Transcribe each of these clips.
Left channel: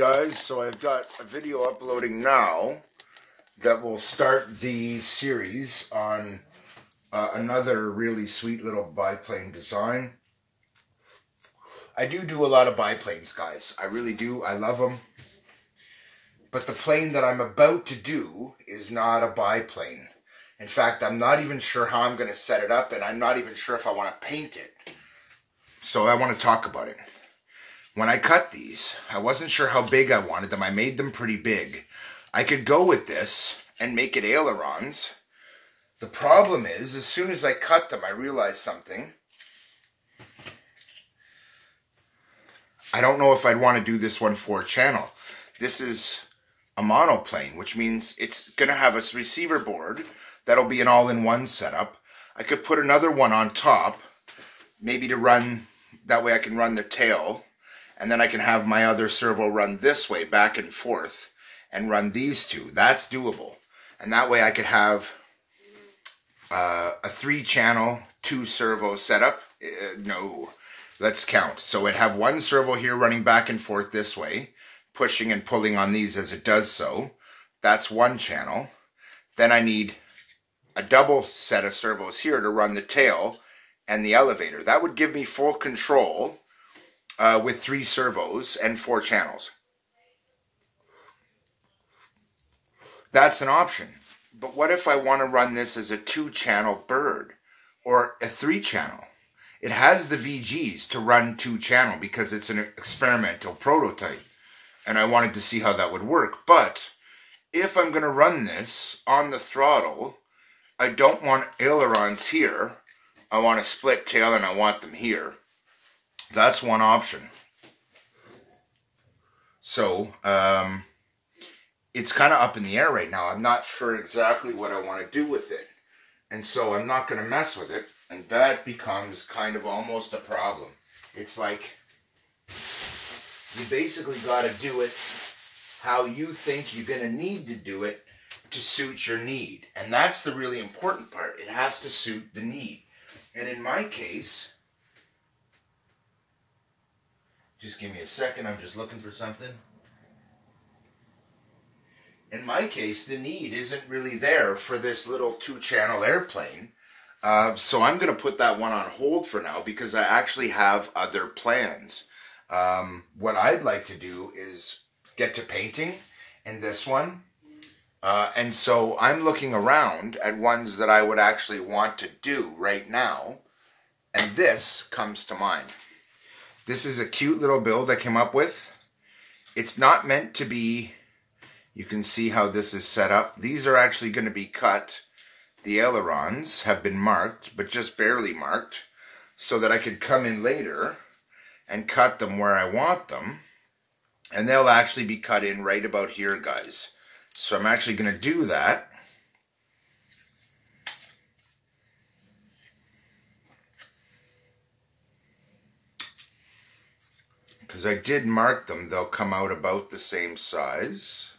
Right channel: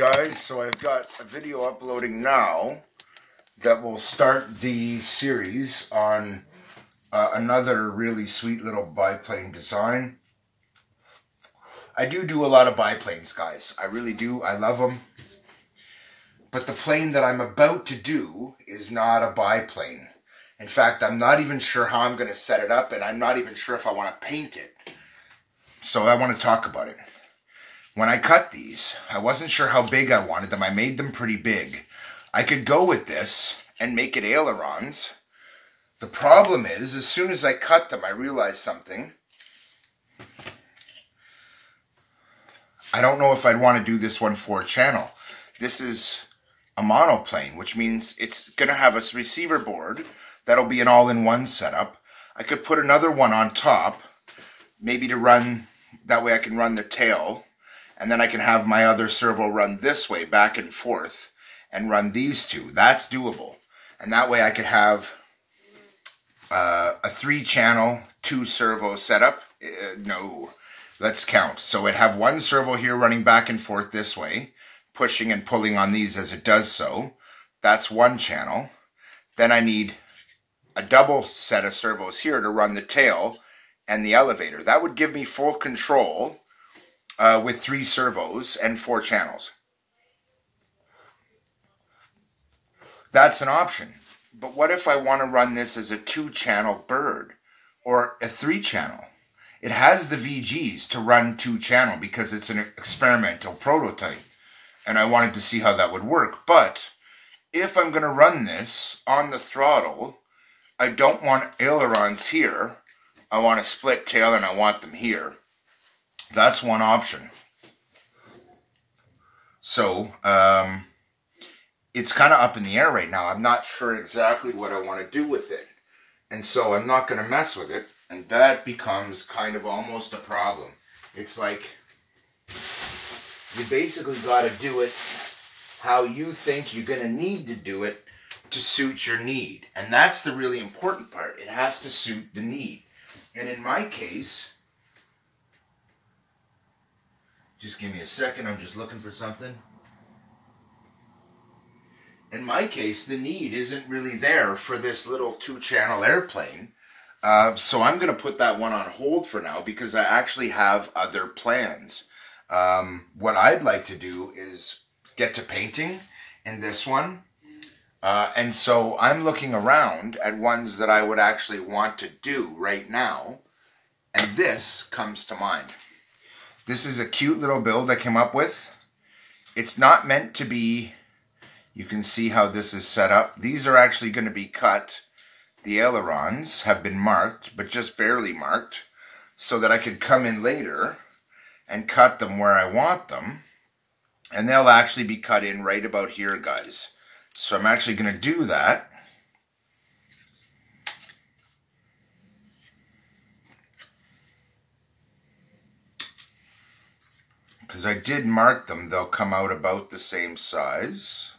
Guys, so I've got a video uploading now that will start the series on another really sweet little biplane design. I do a lot of biplanes, guys. I really do. I love them. But the plane that I'm about to do is not a biplane. In fact, I'm not even sure how I'm going to set it up, and I'm not even sure if I want to paint it. So I want to talk about it. When I cut these, I wasn't sure how big I wanted them. I made them pretty big. I could go with this and make it ailerons. The problem is, as soon as I cut them, I realized something. I don't know if I'd want to do this one 4-channel. This is a monoplane, which means it's going to have a receiver board. That'll be an all-in-one setup. I could put another one on top, maybe to run, that way I can run the tail. And then I can have my other servo run this way, back and forth, and run these two. That's doable. And that way I could have a 3-channel, 2-servo setup. No, let's count. So it'd have one servo here running back and forth this way, pushing and pulling on these as it does so. That's 1 channel. Then I need a double set of servos here to run the tail and the elevator. That would give me full control with 3 servos and 4 channels. That's an option. But what if I want to run this as a 2-channel bird or a 3-channel? It has the VGs to run 2-channel because it's an experimental prototype. And I wanted to see how that would work. But if I'm going to run this on the throttle, I don't want ailerons here. I want a split tail and I want them here. That's one option. So, it's kind of up in the air right now. I'm not sure exactly what I want to do with it. And so I'm not going to mess with it. And that becomes kind of almost a problem. It's like, you basically got to do it how you think you're going to need to do it to suit your need. And that's the really important part. It has to suit the need. And in my case, just give me a second, I'm just looking for something. In my case, the need isn't really there for this little 2-channel airplane. So I'm going to put that one on hold for now because I actually have other plans. What I'd like to do is get to painting in this one. And so I'm looking around at ones that I would actually want to do right now. And this comes to mind. This is a cute little build I came up with. It's not meant to be, you can see how this is set up. These are actually going to be cut. The ailerons have been marked, but just barely marked, so that I could come in later and cut them where I want them. And they'll actually be cut in right about here, guys. So I'm actually going to do that. Because I did mark them, they'll come out about the same size.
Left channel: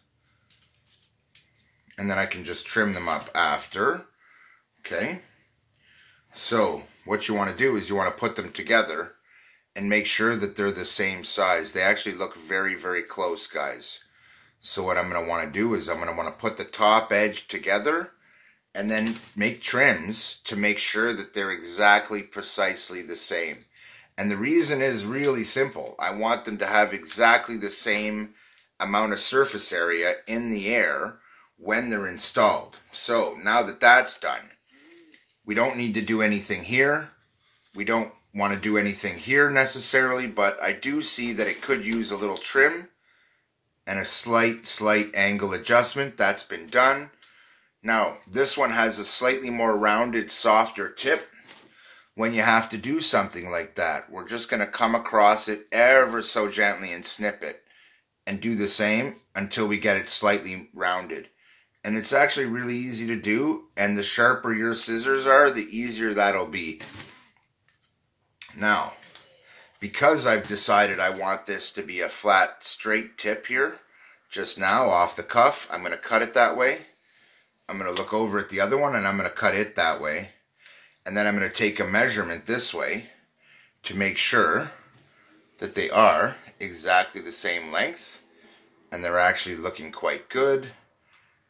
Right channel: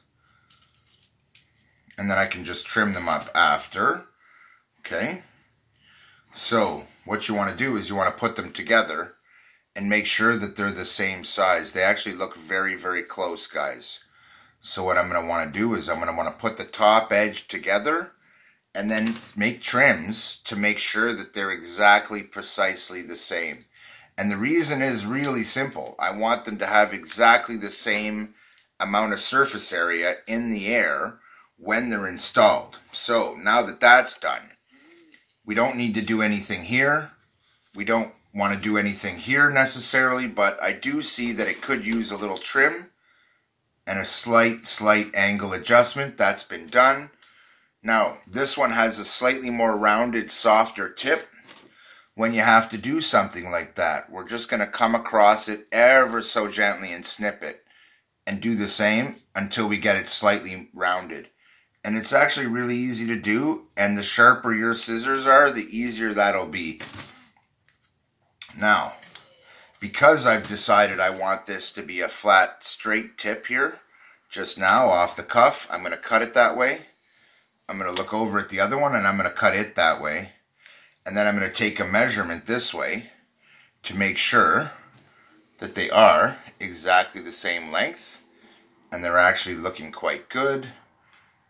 And then I can just trim them up after. Okay. So what you want to do is you want to put them together and make sure that they're the same size. They actually look very, very close, guys. So what I'm going to want to do is I'm going to want to put the top edge together and then make trims to make sure that they're exactly precisely the same. And the reason is really simple. I want them to have exactly the same amount of surface area in the air when they're installed. So now that that's done, we don't need to do anything here. We don't want to do anything here necessarily, but I do see that it could use a little trim and a slight angle adjustment. That's been done. Now, this one has a slightly more rounded, softer tip. When you have to do something like that, we're just going to come across it ever so gently and snip it and do the same until we get it slightly rounded. And it's actually really easy to do, and the sharper your scissors are, the easier that'll be. Now, because I've decided I want this to be a flat, straight tip here, just now off the cuff, I'm going to cut it that way. I'm going to look over at the other one, and I'm going to cut it that way. And then I'm going to take a measurement this way to make sure that they are exactly the same length. and they're actually looking quite good.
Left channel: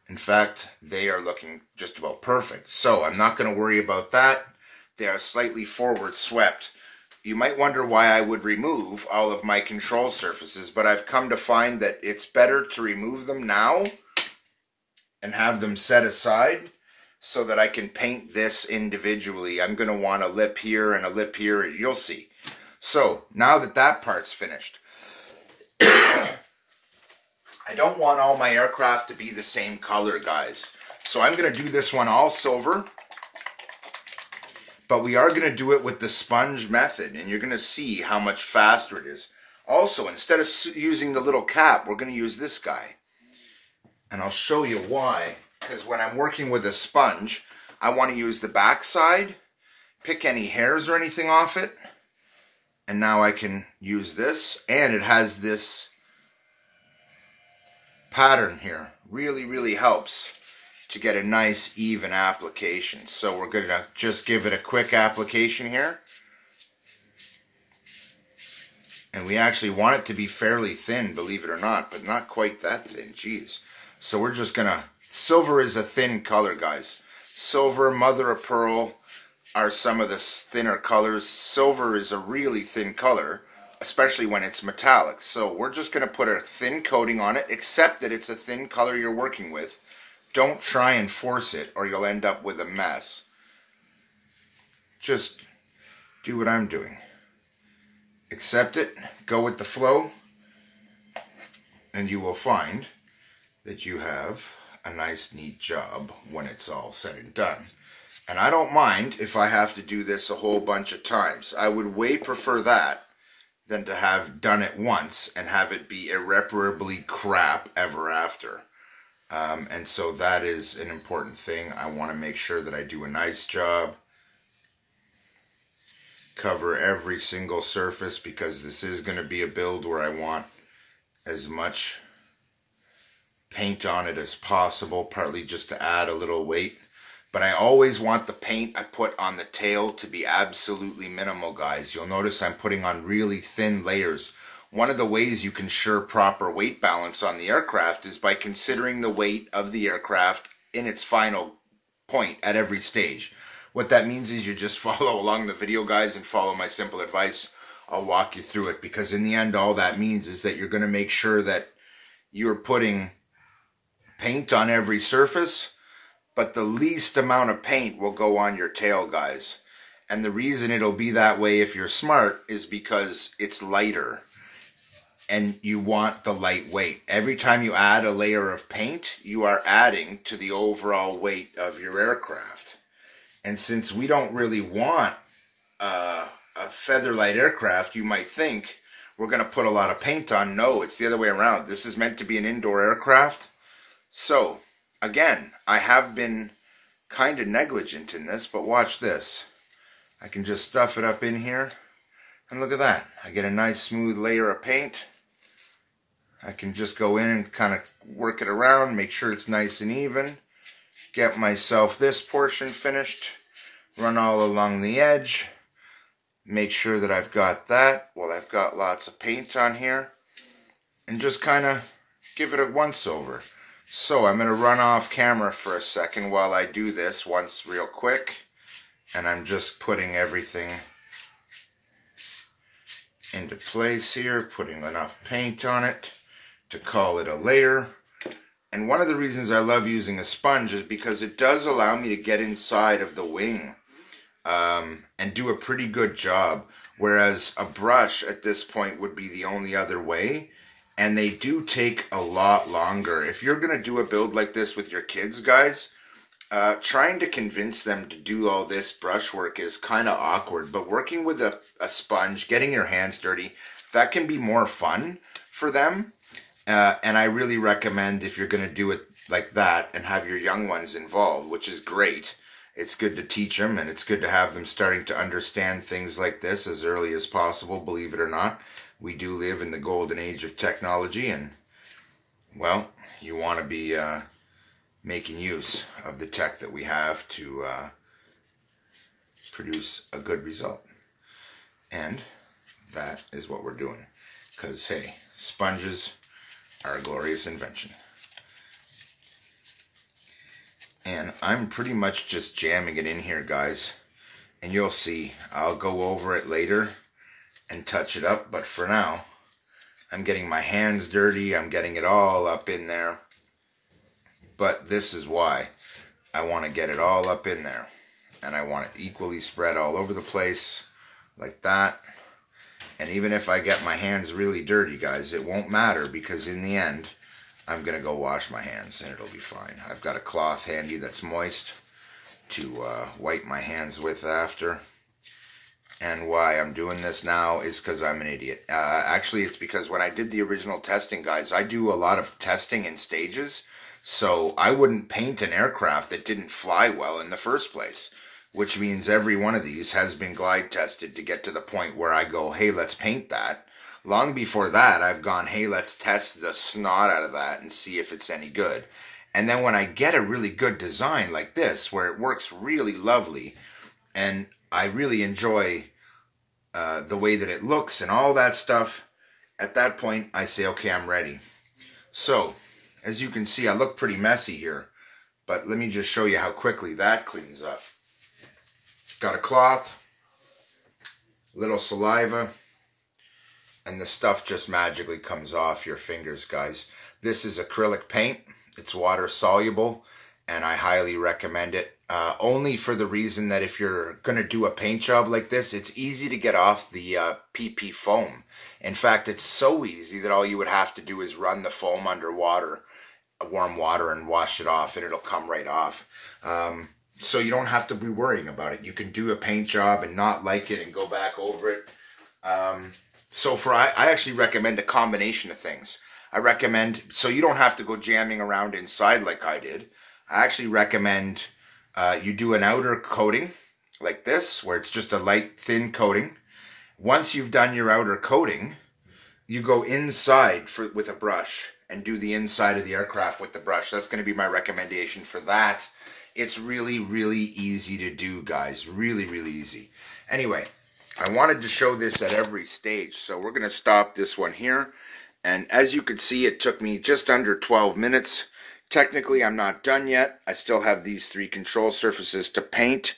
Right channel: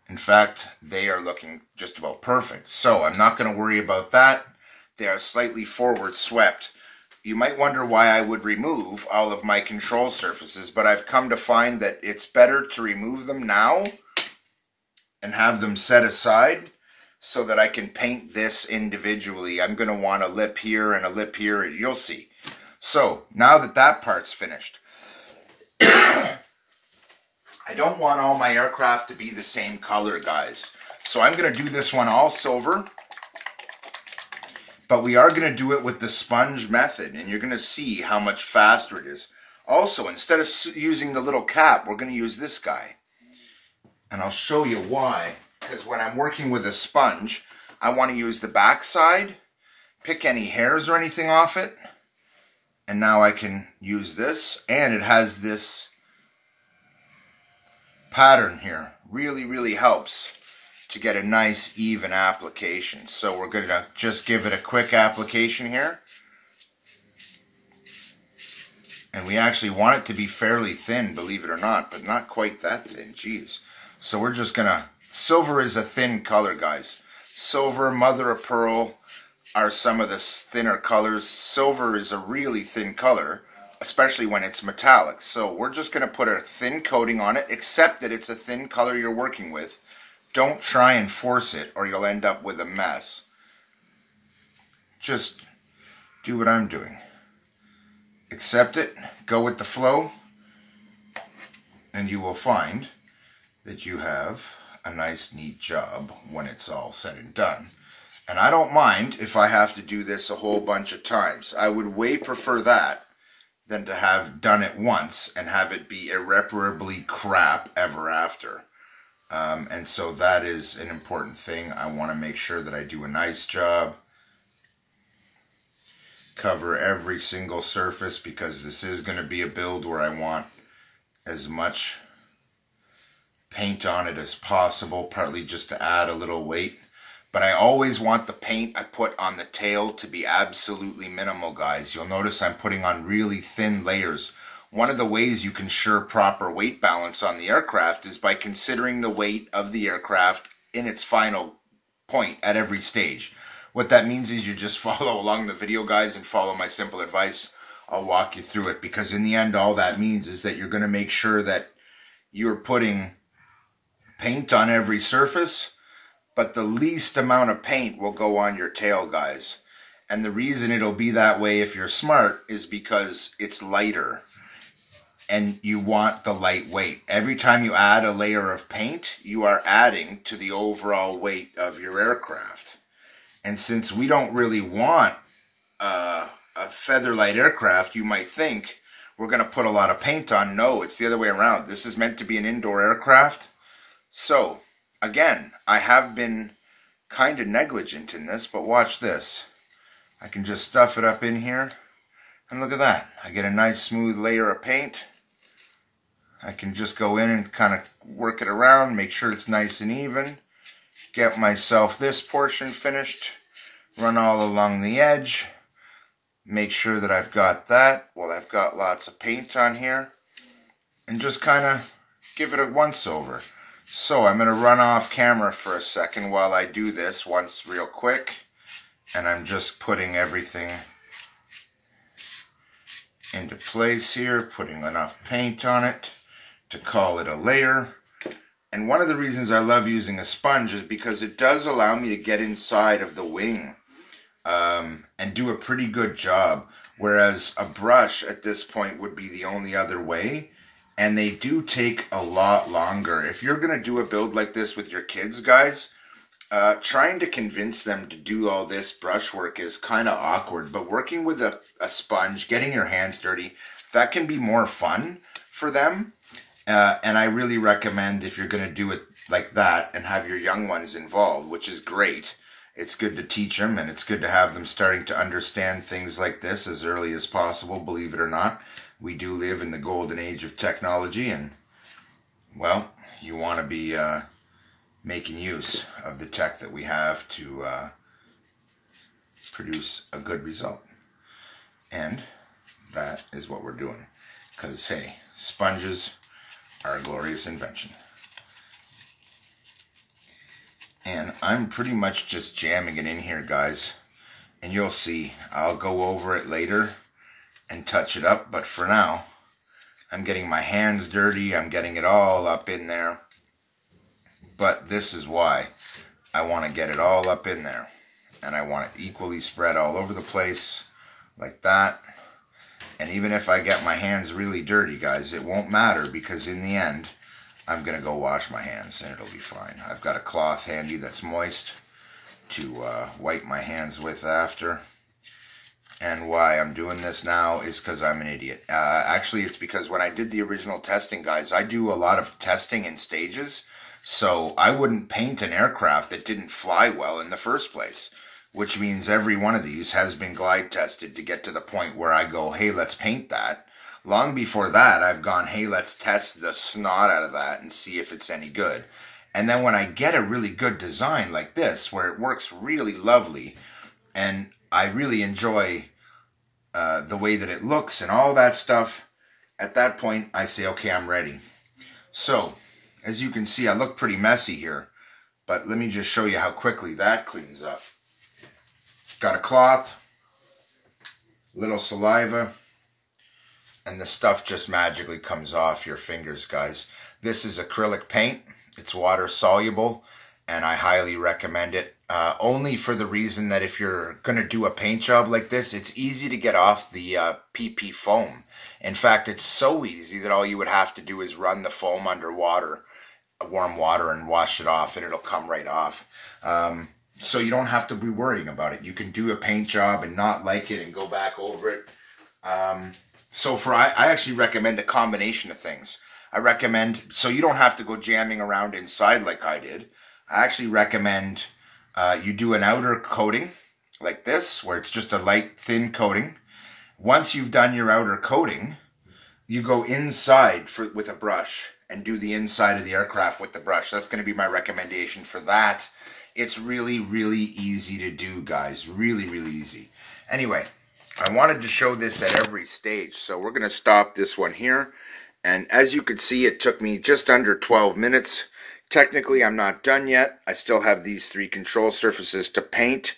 In fact, they are looking just about perfect. So I'm not going to worry about that. They are slightly forward swept. You might wonder why I would remove all of my control surfaces, but I've come to find that it's better to remove them now and have them set aside so that I can paint this individually. I'm going to want a lip here and a lip here, you'll see. So now that that part's finished, I don't want all my aircraft to be the same color, guys. So I'm going to do this one all silver. But we are going to do it with the sponge method. And you're going to see how much faster it is. Also, instead of using the little cap, we're going to use this guy. And I'll show you why. Because when I'm working with a sponge, I want to use the back side. Pick any hairs or anything off it. And now I can use this. And it has this pattern here. Really, really helps to get a nice even application. So we're going to just give it a quick application here. And we actually want it to be fairly thin, believe it or not, but not quite that thin. Jeez. So we're just going to... Silver is a thin color, guys. Silver, mother of pearl are some of the thinner colors. Silver is a really thin color, especially when it's metallic. So we're just going to put a thin coating on it, except that it's a thin color you're working with. Don't try and force it or you'll end up with a mess. Just do what I'm doing. Accept it, go with the flow, and you will find that you have a nice, neat job when it's all said and done. And I don't mind if I have to do this a whole bunch of times. I would way prefer that than to have done it once and have it be irreparably crap ever after. And so that is an important thing. I want to make sure that I do a nice job. Cover every single surface because this is going to be a build where I want as much paint on it as possible, partly just to add a little weight. But I always want the paint I put on the tail to be absolutely minimal, guys. You'll notice I'm putting on really thin layers. One of the ways you can ensure proper weight balance on the aircraft is by considering the weight of the aircraft in its final point at every stage. What that means is you just follow along the video, guys, and follow my simple advice. I'll walk you through it, because in the end, all that means is that you're going to make sure that you're putting paint on every surface, but the least amount of paint will go on your tail, guys. And the reason it'll be that way if you're smart is because it's lighter. And you want the light weight. Every time you add a layer of paint, you are adding to the overall weight of your aircraft. And since we don't really want a featherlight aircraft, you might think we're going to put a lot of paint on. No, it's the other way around. This is meant to be an indoor aircraft. So, again, I have been kind of negligent in this, but watch this. I can just stuff it up in here. And look at that. I get a nice smooth layer of paint. I can just go in and kind of work it around, make sure it's nice and even. Get myself this portion finished. Run all along the edge. Make sure that I've got that. Well, I've got lots of paint on here. And just kind of give it a once over. So I'm going to run off camera for a second while I do this once real quick. And I'm just putting everything into place here. Putting enough paint on it to call it a layer. And one of the reasons I love using a sponge is because it does allow me to get inside of the wing and do a pretty good job. Whereas a brush at this point would be the only other way. And they do take a lot longer. If you're going to do a build like this with your kids, guys, trying to convince them to do all this brushwork is kind of awkward. But working with a sponge, getting your hands dirty, that can be more fun for them. And I really recommend, if you're going to do it like that and have your young ones involved, which is great, it's good to teach them, and it's good to have them starting to understand things like this as early as possible, believe it or not. We do live in the golden age of technology, and, well, you want to be making use of the tech that we have to produce a good result. And that is what we're doing. Because, hey, sponges our glorious invention. And I'm pretty much just jamming it in here, guys. And you'll see, I'll go over it later and touch it up. But for now, I'm getting my hands dirty. I'm getting it all up in there. But this is why I want to get it all up in there. And I want it equally spread all over the place, like that. And even if I get my hands really dirty, guys, it won't matter, because in the end, I'm going to go wash my hands and it'll be fine. I've got a cloth handy that's moist to wipe my hands with after. And why I'm doing this now is because I'm an idiot. Actually, it's because when I did the original testing, guys, I do a lot of testing in stages. So I wouldn't paint an aircraft that didn't fly well in the first place. Which means every one of these has been glide tested to get to the point where I go, hey, let's paint that. Long before that, I've gone, hey, let's test the snot out of that and see if it's any good. And then when I get a really good design like this, where it works really lovely, and I really enjoy the way that it looks and all that stuff, at that point, I say, okay, I'm ready. So, as you can see, I look pretty messy here, but let me just show you how quickly that cleans up. Got a cloth, little saliva, and the stuff just magically comes off your fingers, guys. This is acrylic paint. It's water soluble, and I highly recommend it. Only for the reason that if you're going to do a paint job like this, it's easy to get off the PP foam. In fact, it's so easy that all you would have to do is run the foam under water, warm water, and wash it off, and it'll come right off. So you don't have to be worrying about it. You can do a paint job and not like it and go back over it. So I actually recommend a combination of things. I recommend, so you don't have to go jamming around inside like I did. I actually recommend you do an outer coating like this, where it's just a light, thin coating. Once you've done your outer coating, you go inside with a brush and do the inside of the aircraft with the brush. That's going to be my recommendation for that. It's really, really easy to do, guys. Really, really easy. Anyway, I wanted to show this at every stage, so we're going to stop this one here. And as you can see, it took me just under 12 minutes. Technically, I'm not done yet. I still have these 3 control surfaces to paint.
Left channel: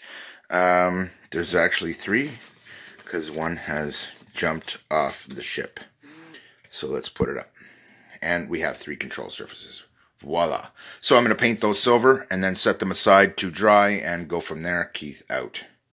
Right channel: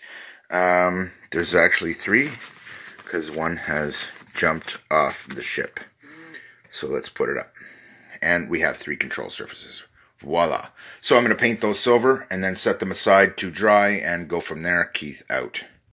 There's actually 3, because one has jumped off the ship. So let's put it up. And we have 3 control surfaces. Voila. So I'm going to paint those silver and then set them aside to dry and go from there. Keith out.